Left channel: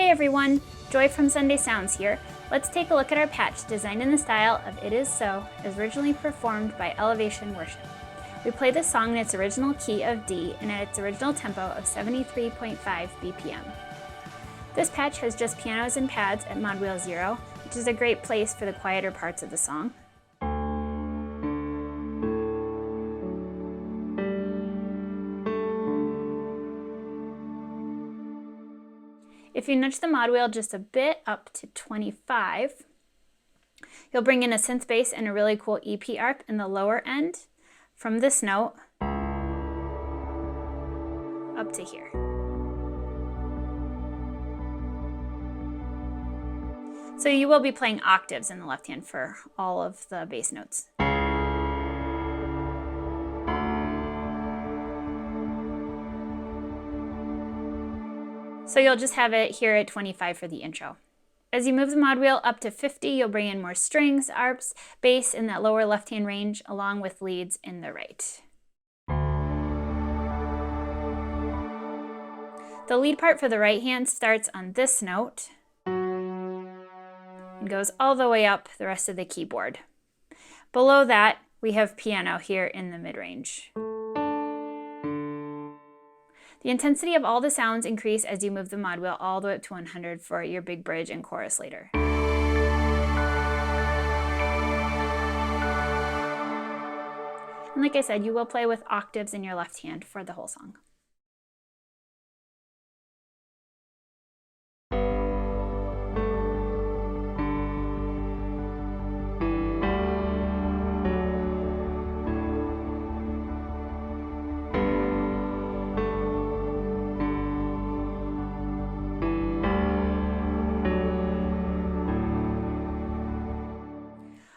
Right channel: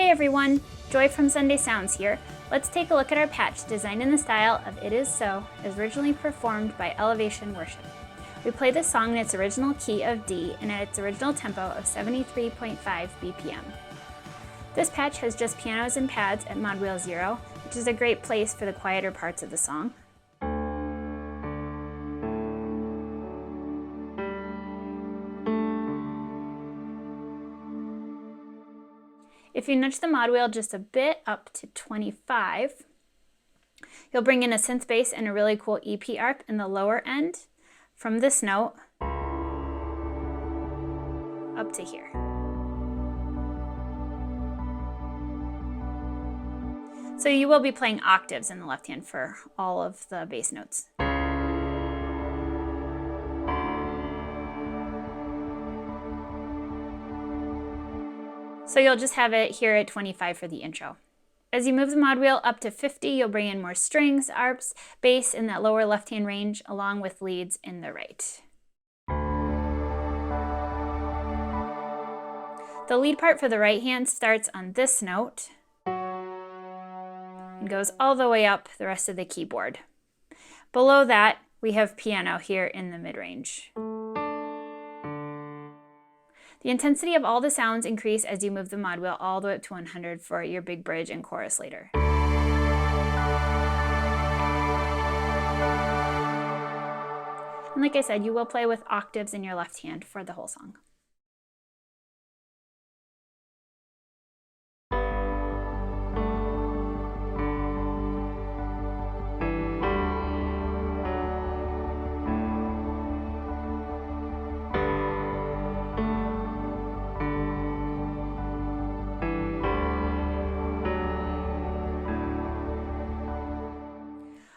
Hey everyone, Joy from Sunday Sounds here. Let's take a look at our patch designed in the style of It Is So, as originally performed by Elevation Worship. We play this song in its original key of D and at its original tempo of 73.5 BPM. This patch has just pianos and pads at mod wheel 0, which is a great place for the quieter parts of the song. If you nudge the mod wheel just a bit up to 25, you'll bring in a synth bass and a really cool EP arp in the lower end from this note up to here. So you will be playing octaves in the left hand for all of the bass notes. So you'll just have it here at 25 for the intro. As you move the mod wheel up to 50, you'll bring in more strings, arps, bass in that lower left-hand range, along with leads in the right. The lead part for the right hand starts on this note and goes all the way up the rest of the keyboard. Below that, we have piano here in the mid-range. The intensity of all the sounds increase as you move the mod wheel all the way up to 100 for your big bridge and chorus later. And like I said, you will play with octaves in your left hand for the whole song.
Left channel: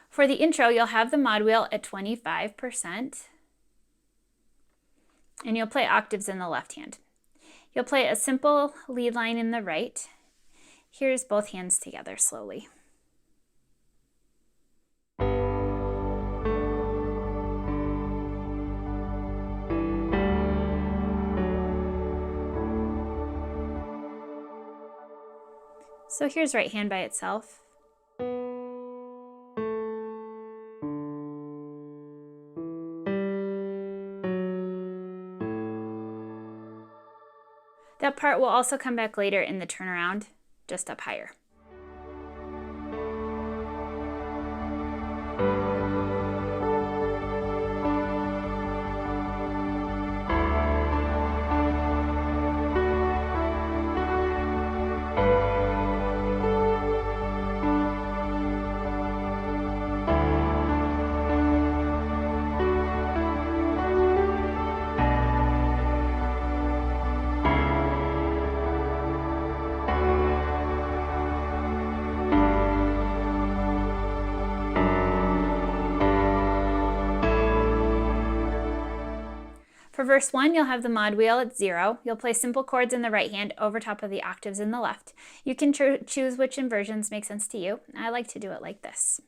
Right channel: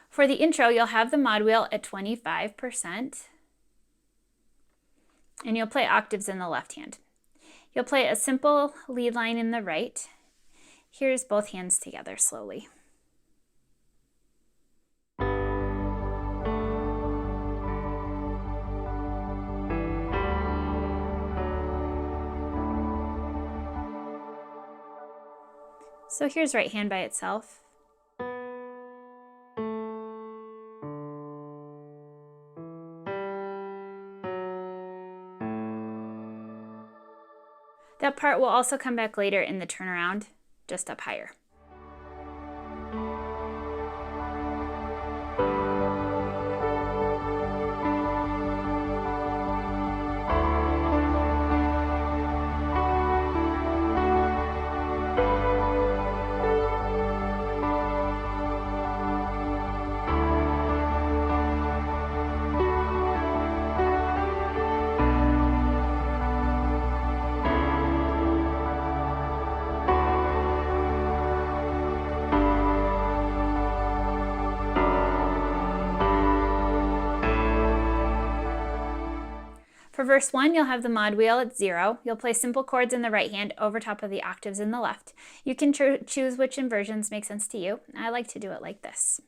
For the intro, you'll have the mod wheel at 25%, and you'll play octaves in the left hand. You'll play a simple lead line in the right. Here's both hands together slowly. So here's right hand by itself. That part will also come back later in the turnaround, just up higher. For verse 1, you'll have the mod wheel at 0. You'll play simple chords in the right hand over top of the octaves in the left. You can choose which inversions make sense to you. I like to do it like this.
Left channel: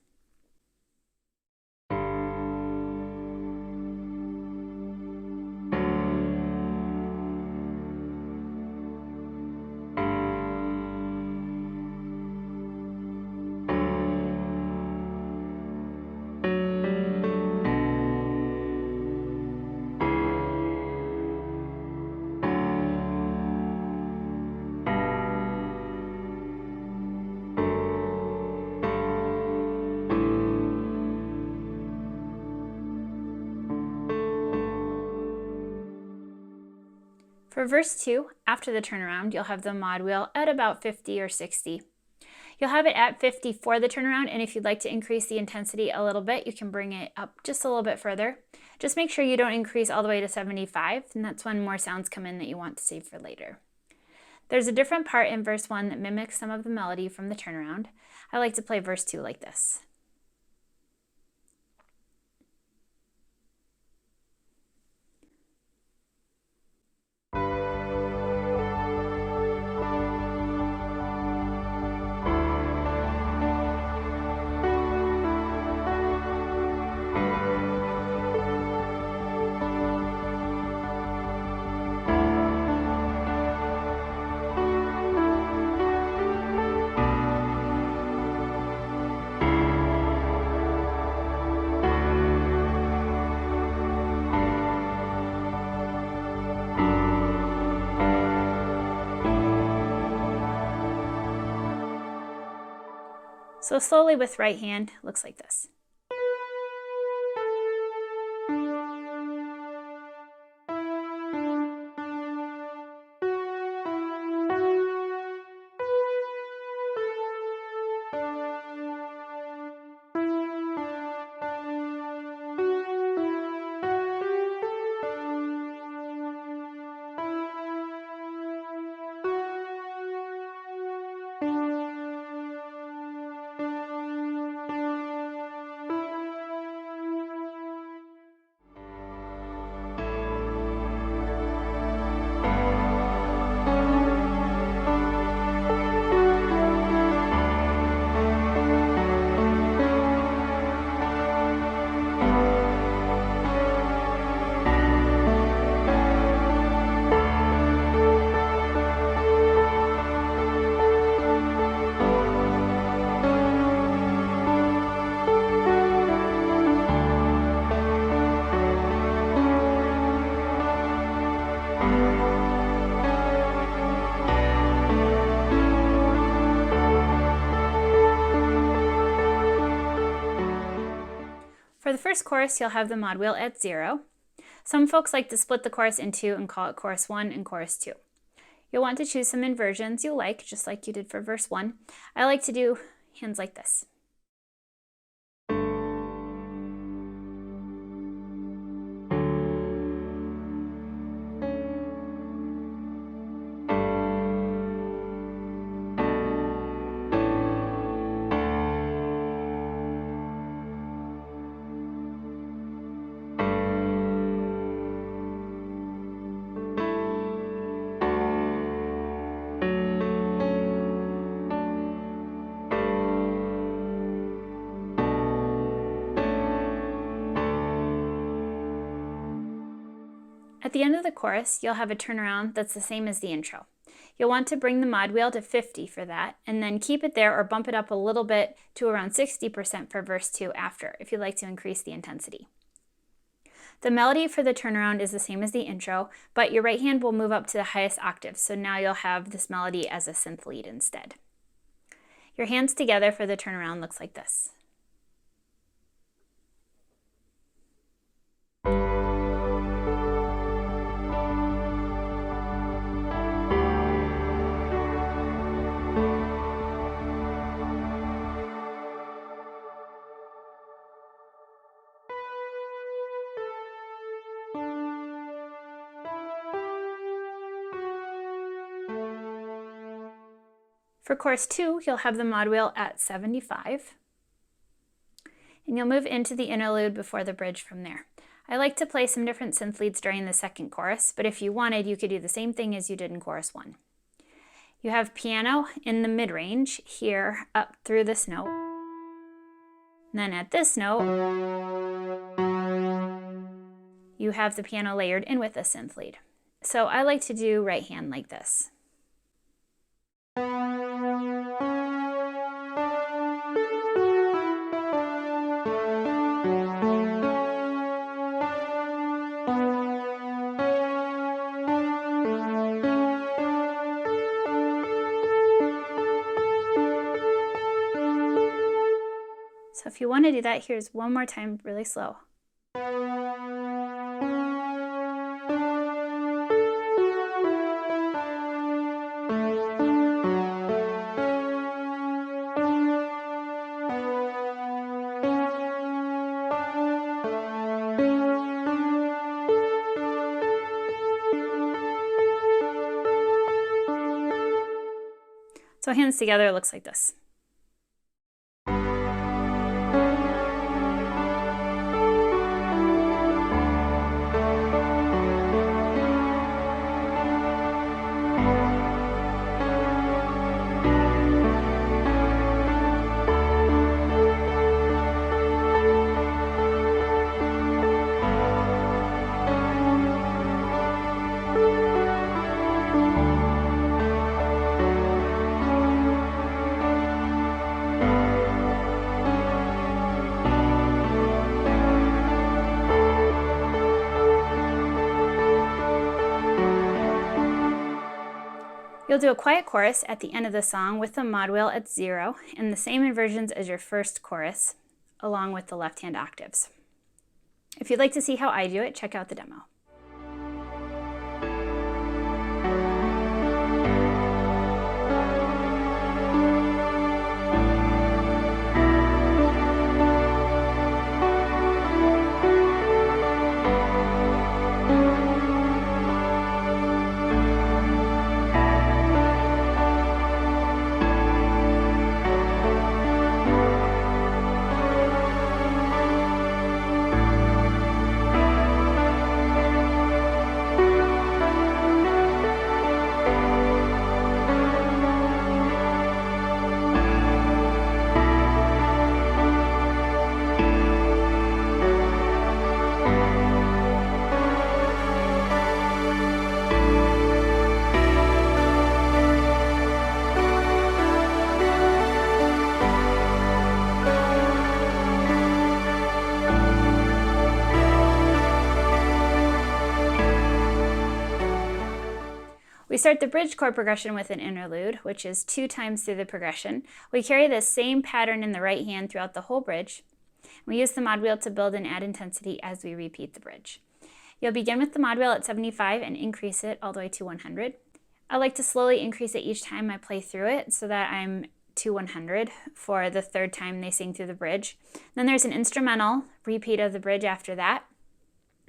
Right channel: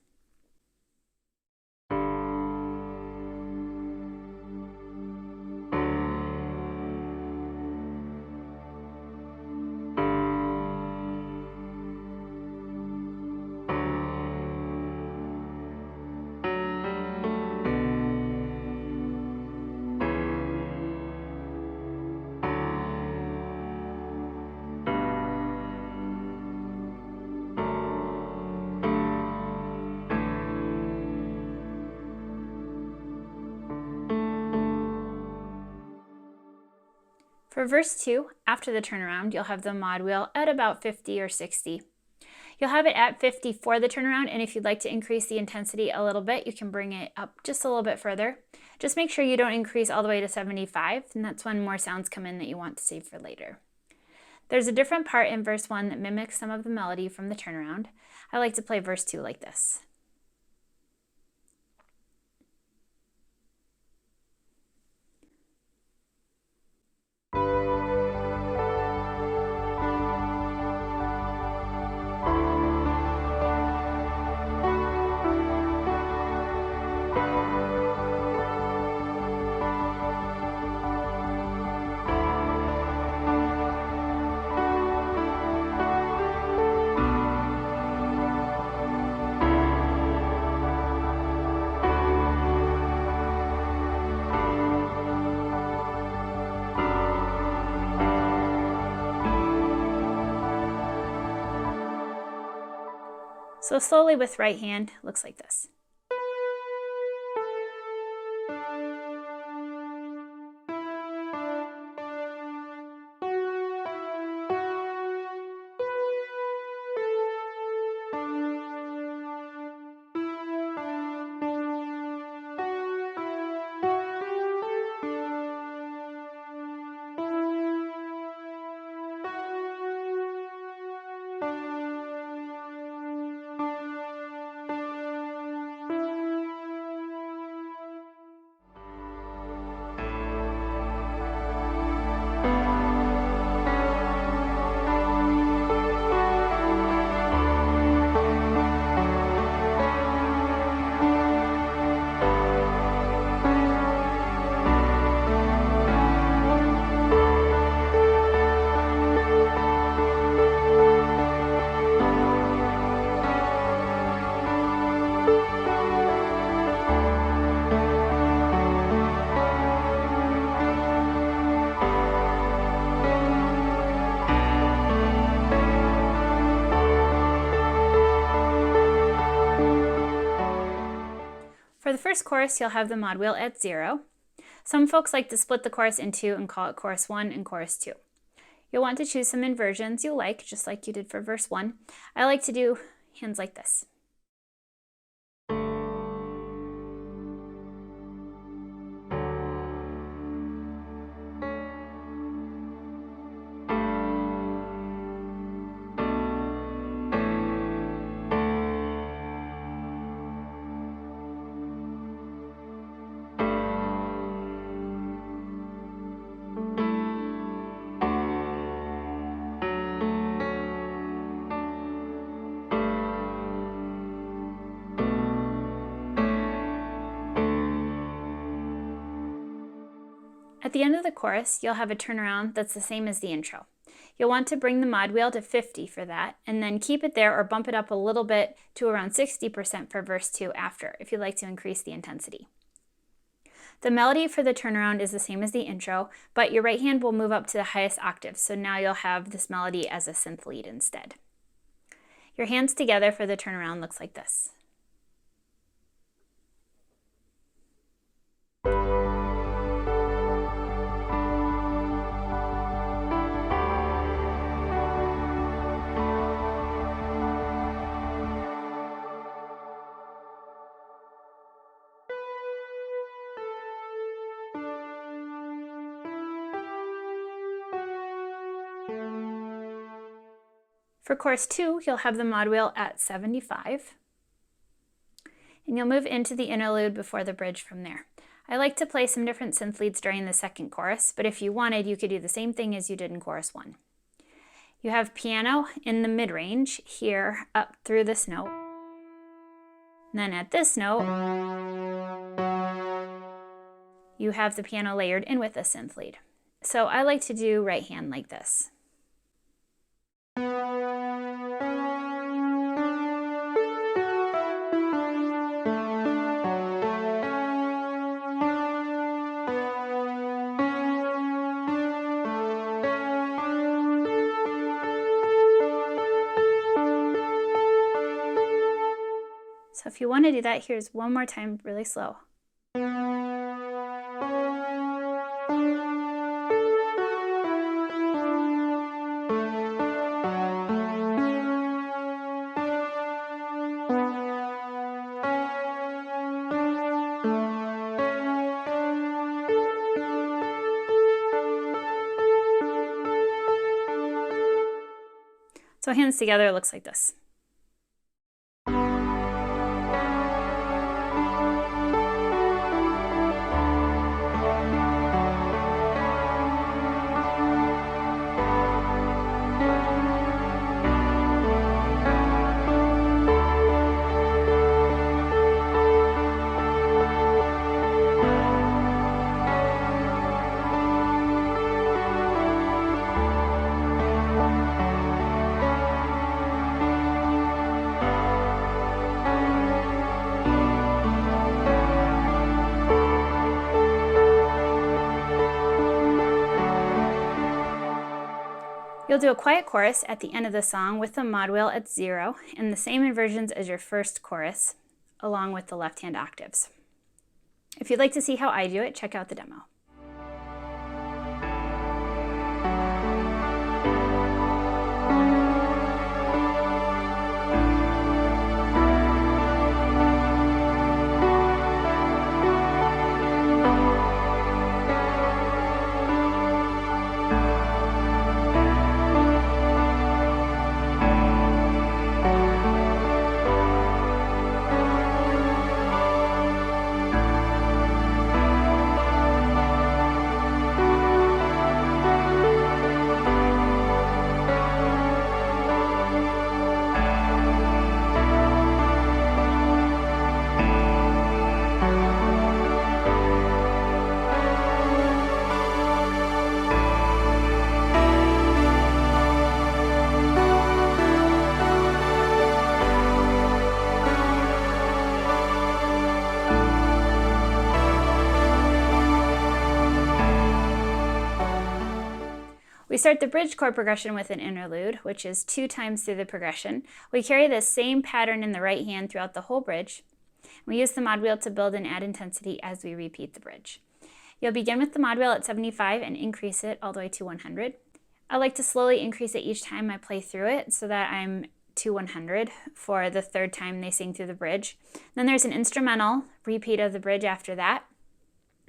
For verse 2, after the turnaround, you'll have the mod wheel at about 50 or 60. You'll have it at 50 for the turnaround, and if you'd like to increase the intensity a little bit, you can bring it up just a little bit further. Just make sure you don't increase all the way to 75, and that's when more sounds come in that you want to save for later. There's a different part in verse 1 that mimics some of the melody from the turnaround. I like to play verse 2 like this. So slowly with right hand, looks like this. For the first chorus, you'll have the mod wheel at 0. Some folks like to split the chorus in two and call it chorus 1 and chorus 2. You'll want to choose some inversions you like, just like you did for verse 1. I like to do hands like this. At the end of the chorus, you'll have a turnaround that's the same as the intro. You'll want to bring the mod wheel to 50 for that, and then keep it there or bump it up a little bit to around 60% for verse 2 after, if you'd like to increase the intensity. The melody for the turnaround is the same as the intro, but your right hand will move up to the highest octave, so now you'll have this melody as a synth lead instead. Your hands together for the turnaround looks like this. For chorus 2, you'll have the mod wheel at 75, and you'll move into the interlude before the bridge from there. I like to play some different synth leads during the second chorus, but if you wanted, you could do the same thing as you did in chorus 1. You have piano in the mid-range here up through this note. And then at this note, you have the piano layered in with a synth lead. So I like to do right hand like this. So if you want to do that, here's one more time really slow. So hands together looks like this. You'll do a quiet chorus at the end of the song with the mod wheel at 0 and the same inversions as your first chorus, along with the left-hand octaves. If you'd like to see how I do it, check out the demo. We start the bridge chord progression with an interlude, which is 2 times through the progression. We carry the same pattern in the right hand throughout the whole bridge. We use the mod wheel to build and add intensity as we repeat the bridge. You'll begin with the mod wheel at 75 and increase it all the way to 100. I like to slowly increase it each time I play through it so that I'm to 100 for the 3rd time they sing through the bridge. Then there's an instrumental repeat of the bridge after that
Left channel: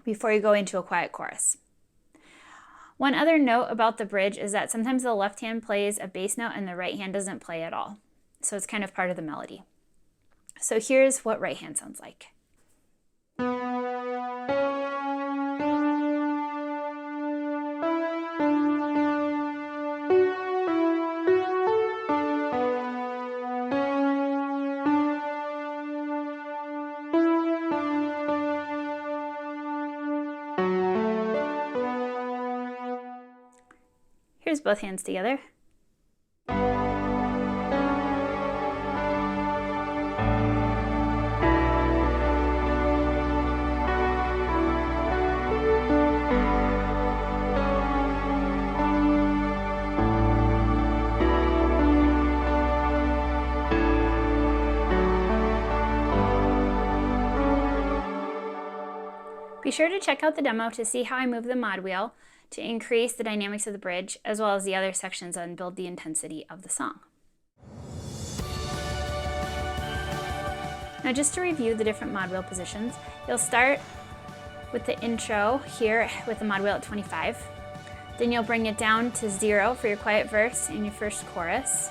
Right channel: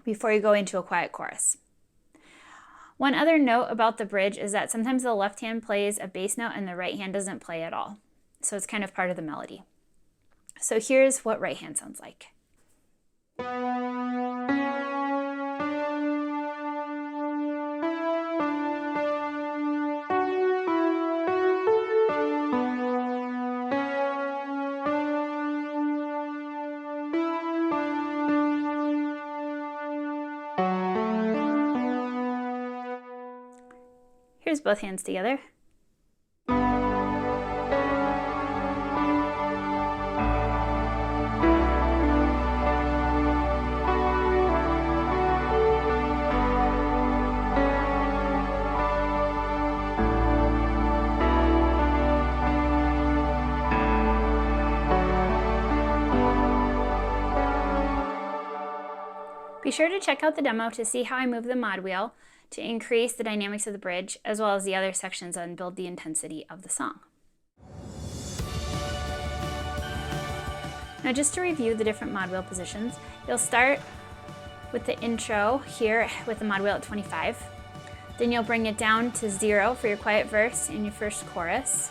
before you go into a quiet chorus. One other note about the bridge is that sometimes the left hand plays a bass note and the right hand doesn't play at all. So it's kind of part of the melody. So here's what right hand sounds like. Here's both hands together. Be sure to check out the demo to see how I move the mod wheel to increase the dynamics of the bridge, as well as the other sections and build the intensity of the song. Now just to review the different mod wheel positions, you'll start with the intro here with the mod wheel at 25. Then you'll bring it down to 0 for your quiet verse and your first chorus.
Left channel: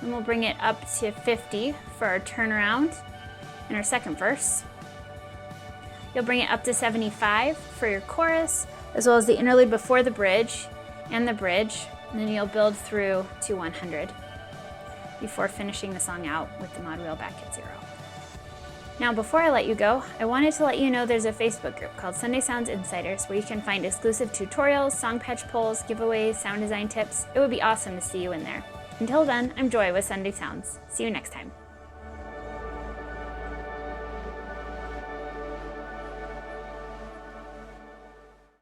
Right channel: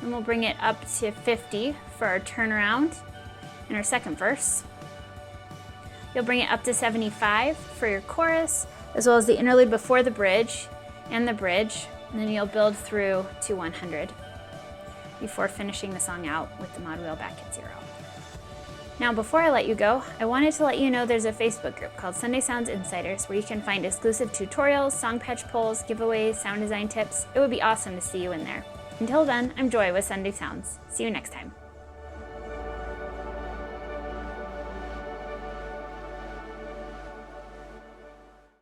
Then we'll bring it up to 50 for our turnaround and our second verse. You'll bring it up to 75 for your chorus, as well as the interlude before the bridge, and then you'll build through to 100 before finishing the song out with the mod wheel back at 0. Now before I let you go, I wanted to let you know there's a Facebook group called Sunday Sounds Insiders where you can find exclusive tutorials, song patch polls, giveaways, sound design tips. It would be awesome to see you in there. Until then, I'm Joy with Sunday Sounds. See you next time.